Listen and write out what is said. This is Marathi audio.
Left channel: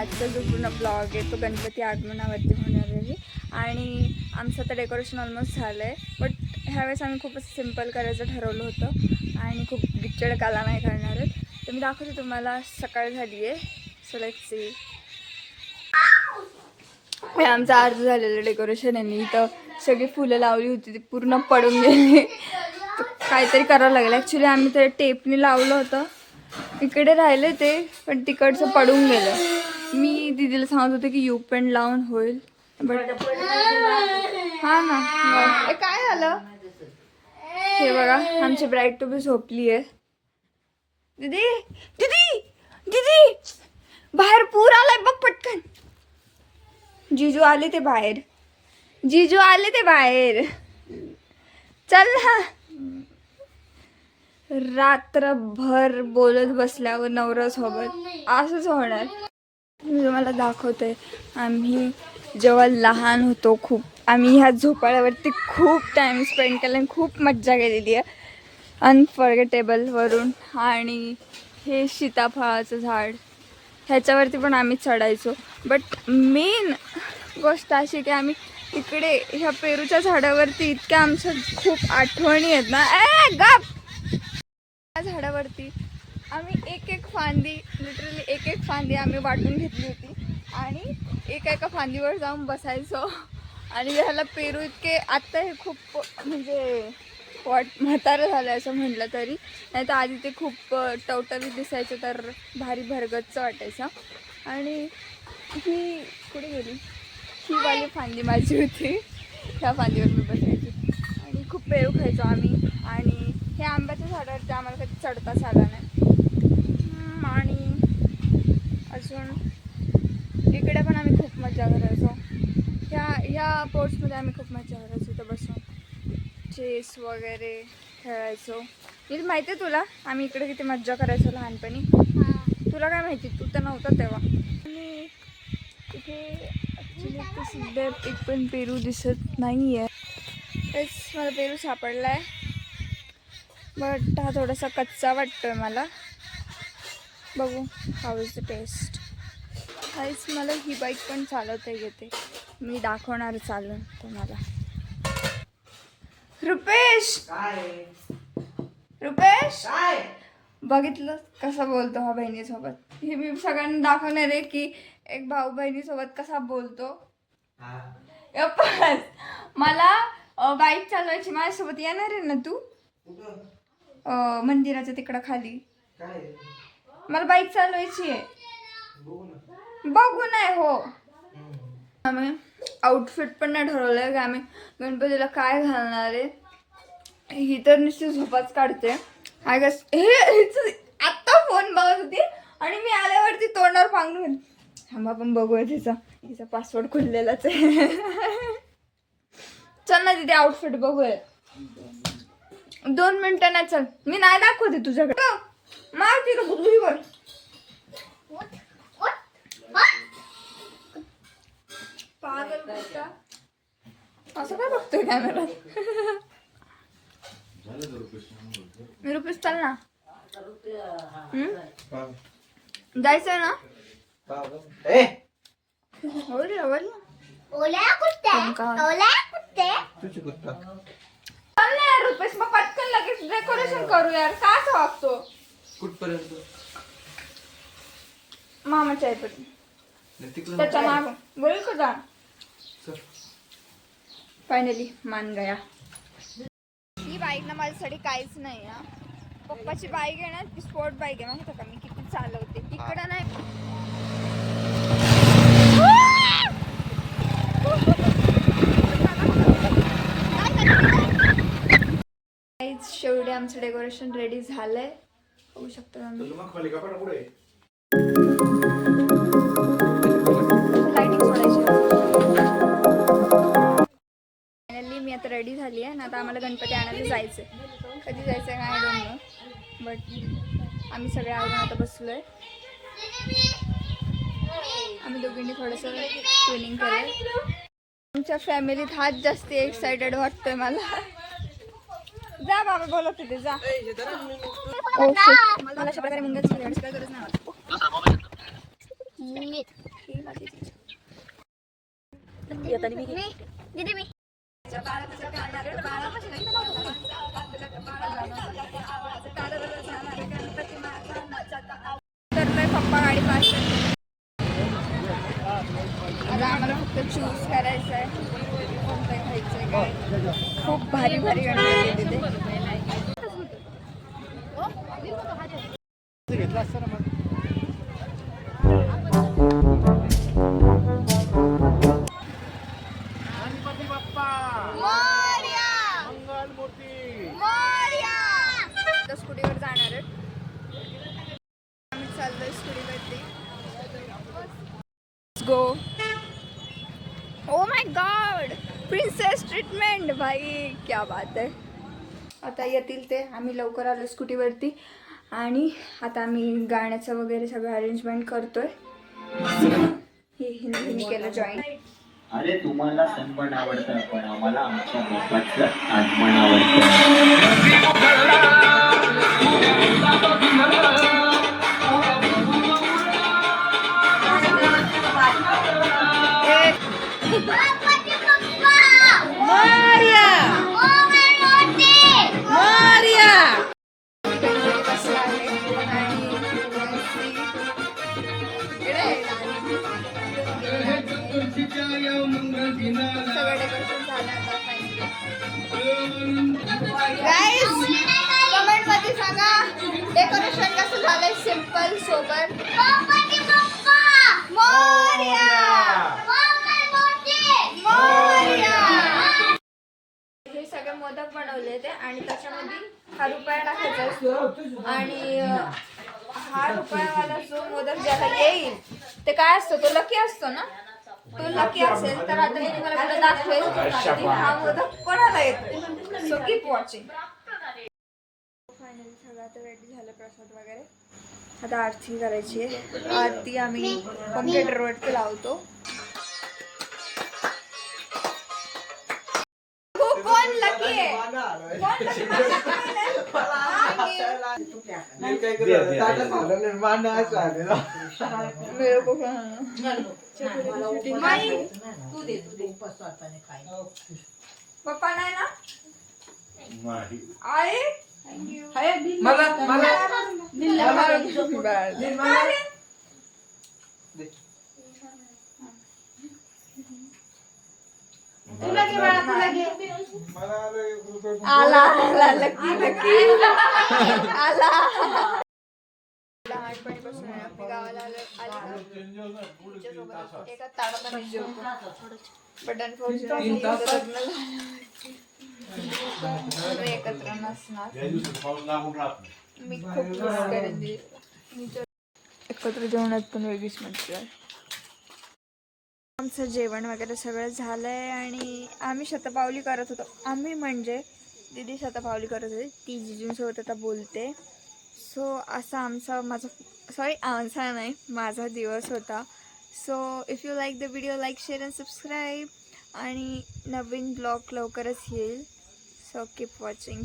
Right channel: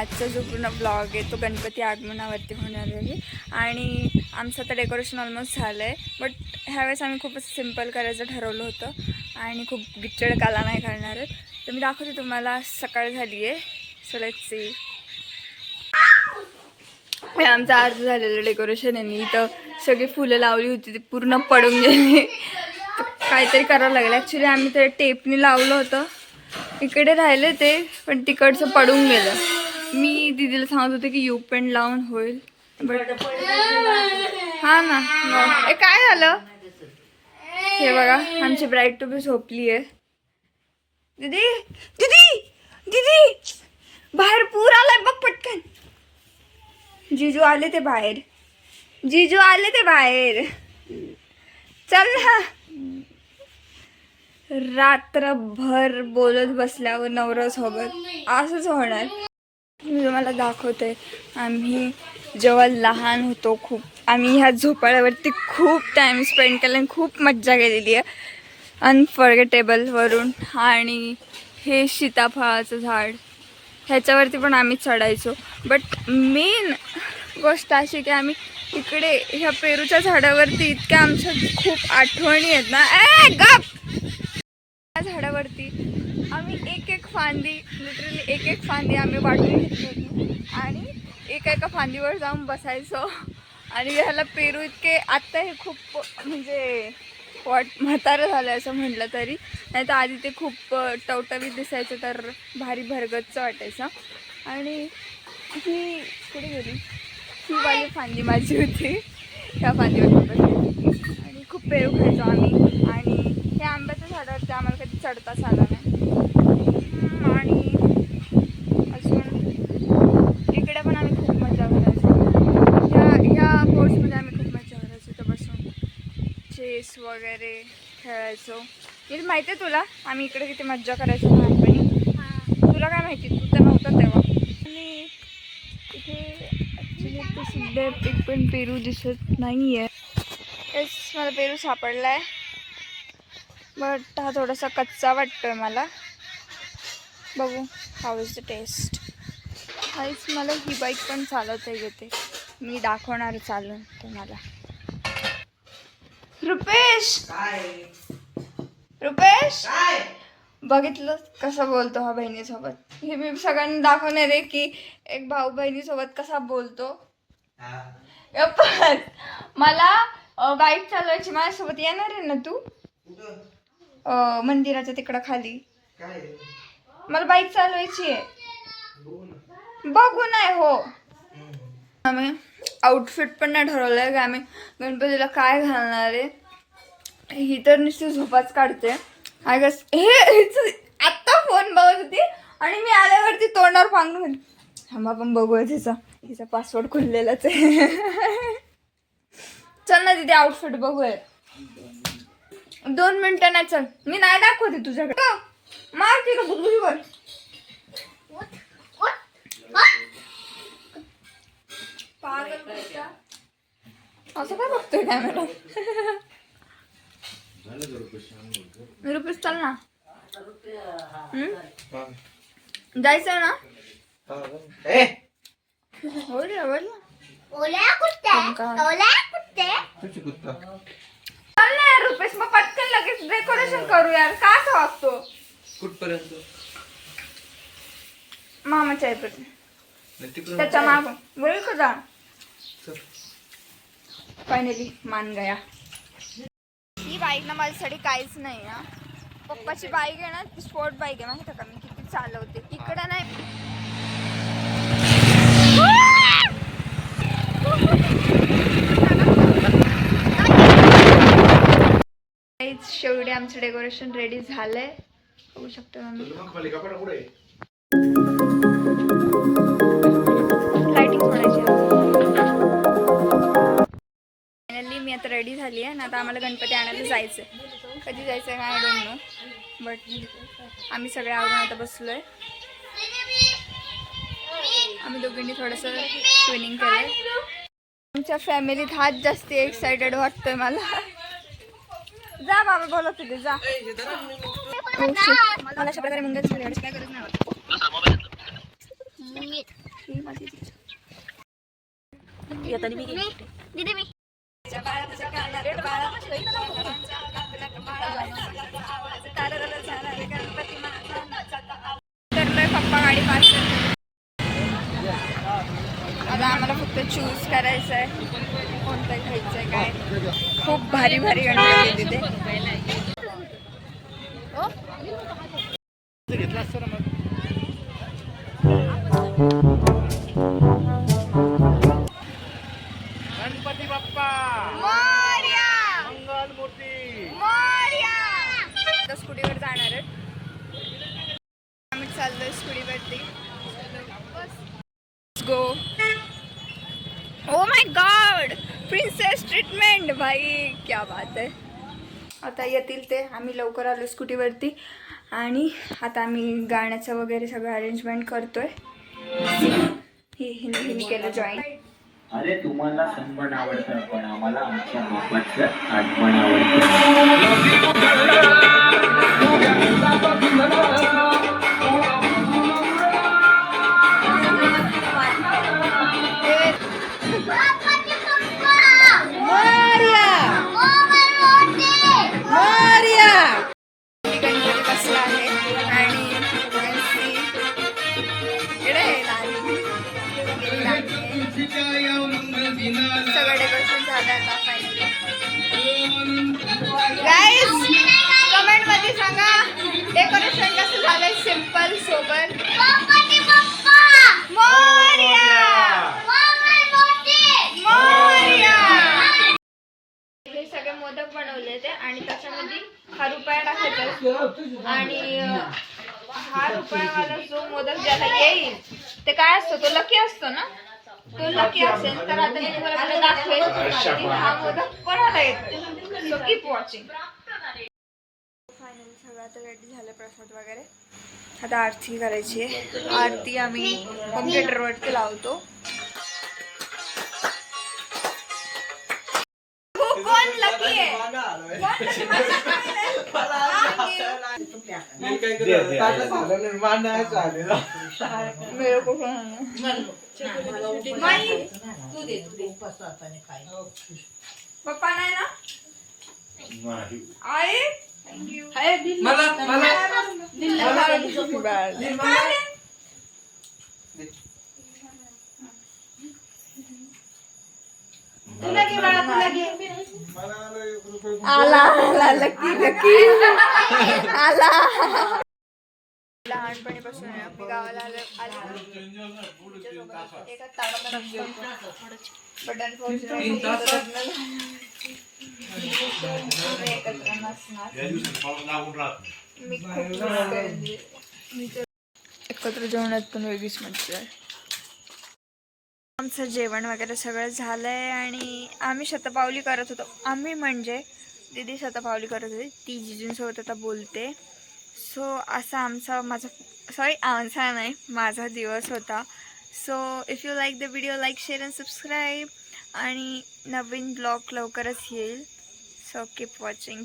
आजचा जो पूर्ण ब्लॉग आहे तो गणपती आगमनावरती होणार आहे. आणि आमचं आता डेकोरेशन ऑलमोस्ट झालं आहे बट ह्यावेळेस आम्ही खूपच सिंपल करायचं ठरवलं होतं आणि खूप गिच्चड काला नाही करणार आहेत. तर मी दाखवते तुम्हाला सकाळ झाली आहे. सो लेट्स सी हे आमचं आज झालेलं डेकोरेशन आहे. मी इथं सगळी फुलं लावली होती ती पूर्ण पडून गेली. तर काहीतरी करावं लागलं. ॲक्च्युली आम्ही ते टेपनी लावलं होतं. इकडे राहिले ते पण तिकडचं पडून गेलं. मी दिदीला सांगत होते की यू पेन लावून होईल. बट हा ना. ए काय झालं? हे बघा आमची ब्राईट टू बी झोपली आहे. दीदी दीदी दीदी! बाहेर पूर आलाय बघ पटकन. जिजू आले ते बाहेर. जिजू आले ते बाहेर. चल ना. रात्रभर बोलत बसल्यावर नवऱ्यासोबत असंच होणार. मी तुम्हाला दाखवते. आम्ही जेव्हा लहान होतो खूप आम्ही ह्या झोपाळ्यावरती खूप टाईम स्पेंड केला आणि खूप मज्जा केलेली आहे. अनफॉर्गेटेबलवरून आणि हे सीताफळाचं झाड ह्याच्यावरती पण आम्ही चढायचो. बट मेन गोष्ट अशी की आम्ही इकडे ह्या पेरूच्या झाडावरती इतक्या आमच्या खूप आठवणी आहेत ना. ए गप! त्या झाडावरती आम्ही एक एक फांदी लिटरली एक एक फांदी आम्ही वाटून घेतली होती. आणि एका एका फांदीवर जाऊन बसायचो. आणि ह्याला पेरू इतके आत्ता हे खूप म्हणजे वाट म्हातारं झालं असं म्हटलं तरी. नाही तर आधी ते खूप टवटवीत दिसायचं तर भारी भरगतचं वाटायचं. आणि ही कुठे गेली? ही वाली फांदी माझी होती. ह्या फांदीवर बसायची आणि खूप पेरू खायचो आम्ही. आणि हे आंब्याच्या झाडावरती आम्हाला कधी चढताच आला नाही. आणि अजून इकडे पण आम्ही खूप मजा करायचो. ह्या ह्या पोर्ट्समध्ये आम्ही खूप मजा करायचो इथं बसून. चेस वगैरे खेळायचो. मी माहिती आहे तुला? आम्ही इकडे किती मज्जा करायचो लहानपणी. तुला काय माहिती? तू तर नव्हता तेव्हा. आणि इथे सध्या एक पण पेरू दिसत नाही आहे तेच मला पेरू सापडला आहे बट हा थोडासा कच्चा वाटतोय मला. बघू हाऊ इज द टेस्ट काहीच मला ही बाईक पण चालवता येते. मी दाखवणार चालून तुम्हाला. रुपेश! रुपेश! बघितलं? कसं बोलतो हा बहिणीसोबत? हे मी सगळ्यांना दाखवणार आहे की एक भाऊ बहिणीसोबत कसा बोलतो. पण मला बाईक चालवायची माझ्यासोबत येणार आहे ना तू? अं, मंदिराच्या तिकडं खाली. मला बाईक चालवायची आहे. बघू नाही हो. आम्ही आउटफिट पण नाही ठरवलंय की आम्ही. गणपतीला काय घालणार आहे? ही तर नुसती झोपाच काढते. आय गस हे हिचं- आत्ता फोन बघत होती आणि मी आल्यावरती तोंडावर पांगून थांबा पण बघूया तिचा. तिचा पासवर्ड खुललेलाच आहे. चल ना तिथे आउटफिट बघूया दोन मिनिटं नाही चल. मी नाही दाखवते तुझ्याकडे. मार तिला बुद्धीवर पागल कुत्ता. असं काय बघतोय कॅमेरा रुपीस चल ना. हम्म? जायचं ना? होईल रे, होईल ना. ओल्या कुत्ते का? ओल्या कुत्ते. चल ना यार रुपेश मग पटकन लगेच डेकोरेशन करू यार. का असं वागतो? कुठपर्यंत? मामाच्या येतात नाही तिकडून त्याच्या माग बोल का जा. चल. फायनली मान गया. ही बाईक ना माझ्यासाठी काहीच नाही ना पप्पाची बाईक आहे ना ती स्पोर्ट बाईक आहे माहिती का मी? किती चालवते इकडं नाही काहीच शेवटी आमचं डेकोरेशन रेडी झालंय. बघू शकतो सोडायची फायनली मी आता रेडी झाली आहे आणि आता आम्हाला गणपती आणायला जायचं कधी जायचं काय डोंट नो बट आम्ही सगळे आवरून आता बसलो आहे आम्ही दोघींनी थोडंसं ट्विनिंग केलं आहे आमच्या फॅमिलीत हाच जास्त एक्सायटेड वाटतोय मला. जा बाबा बोलत होते जा. मला अशा प्रकारे मुंग्याची काय गरज नाही मी मी तर पप्पा गाडी पास आता आम्हाला फक्त चूज करायचं आहे कोणतं घ्यायचं आहे काय. खूप भारी भारी गणपती तिथे. भाई क्या बात आहे आता येतील ते. आम्ही लवकर आलो स्कूटीवरती. आणि आता आम्ही गाण्याचं वगैरे सगळं अरेंजमेंट करतोय. हे हिने हिने केलं जॉईन अरे तुम्हाला सन्मान आवडतं पण आम्हाला आमच्या बाप्पाचं आठवण आवडतं. डेकोरेशन कसं झालंय सिंपल सोबत. हे सगळे मोदक बनवले ते आणि त्याच्यामध्ये हा रुपया टाकायचा असतो आणि हा रुपयावाला जो मोदक ज्याला येईल ते काय असतो? तो लकी असतो ना? तो लकी असेल तर आता मी तुम्हाला दाखवेल. हा मोदक कोणाला येतो? सो कीप वॉचिंग सगळं आता रेडी झालं प्रसाद वगैरे. आता आरती करायची आहे. आरती आम्ही कम्प्युटरवरती लावतो. कोण लकी पप्पा नाही ना? आई थँक्यू मला मला तुला घे बाळा तुला घे. आला आला लकी लकी आला. लहानपणीपासून आहे. मी गावाला आलो एका एकत्र नसणार. मी खूप एकत्र जेवणात पण वेगळीच मजा आहे. आमचं जेवण वगैरे सगळं झालं आहे आणि आम्ही शतपावली करत होतो. आम्ही म्हणजे दीदी शतपावली करत होती. ती जिजूंसोबत आता बोलते. सो असा आमचा माझा सॉरी आमचा नाही माझा दिवस होता. So if you like the video like share and subscribe आणि नवीन ब्लॉग लवकरच येईल. So keep watching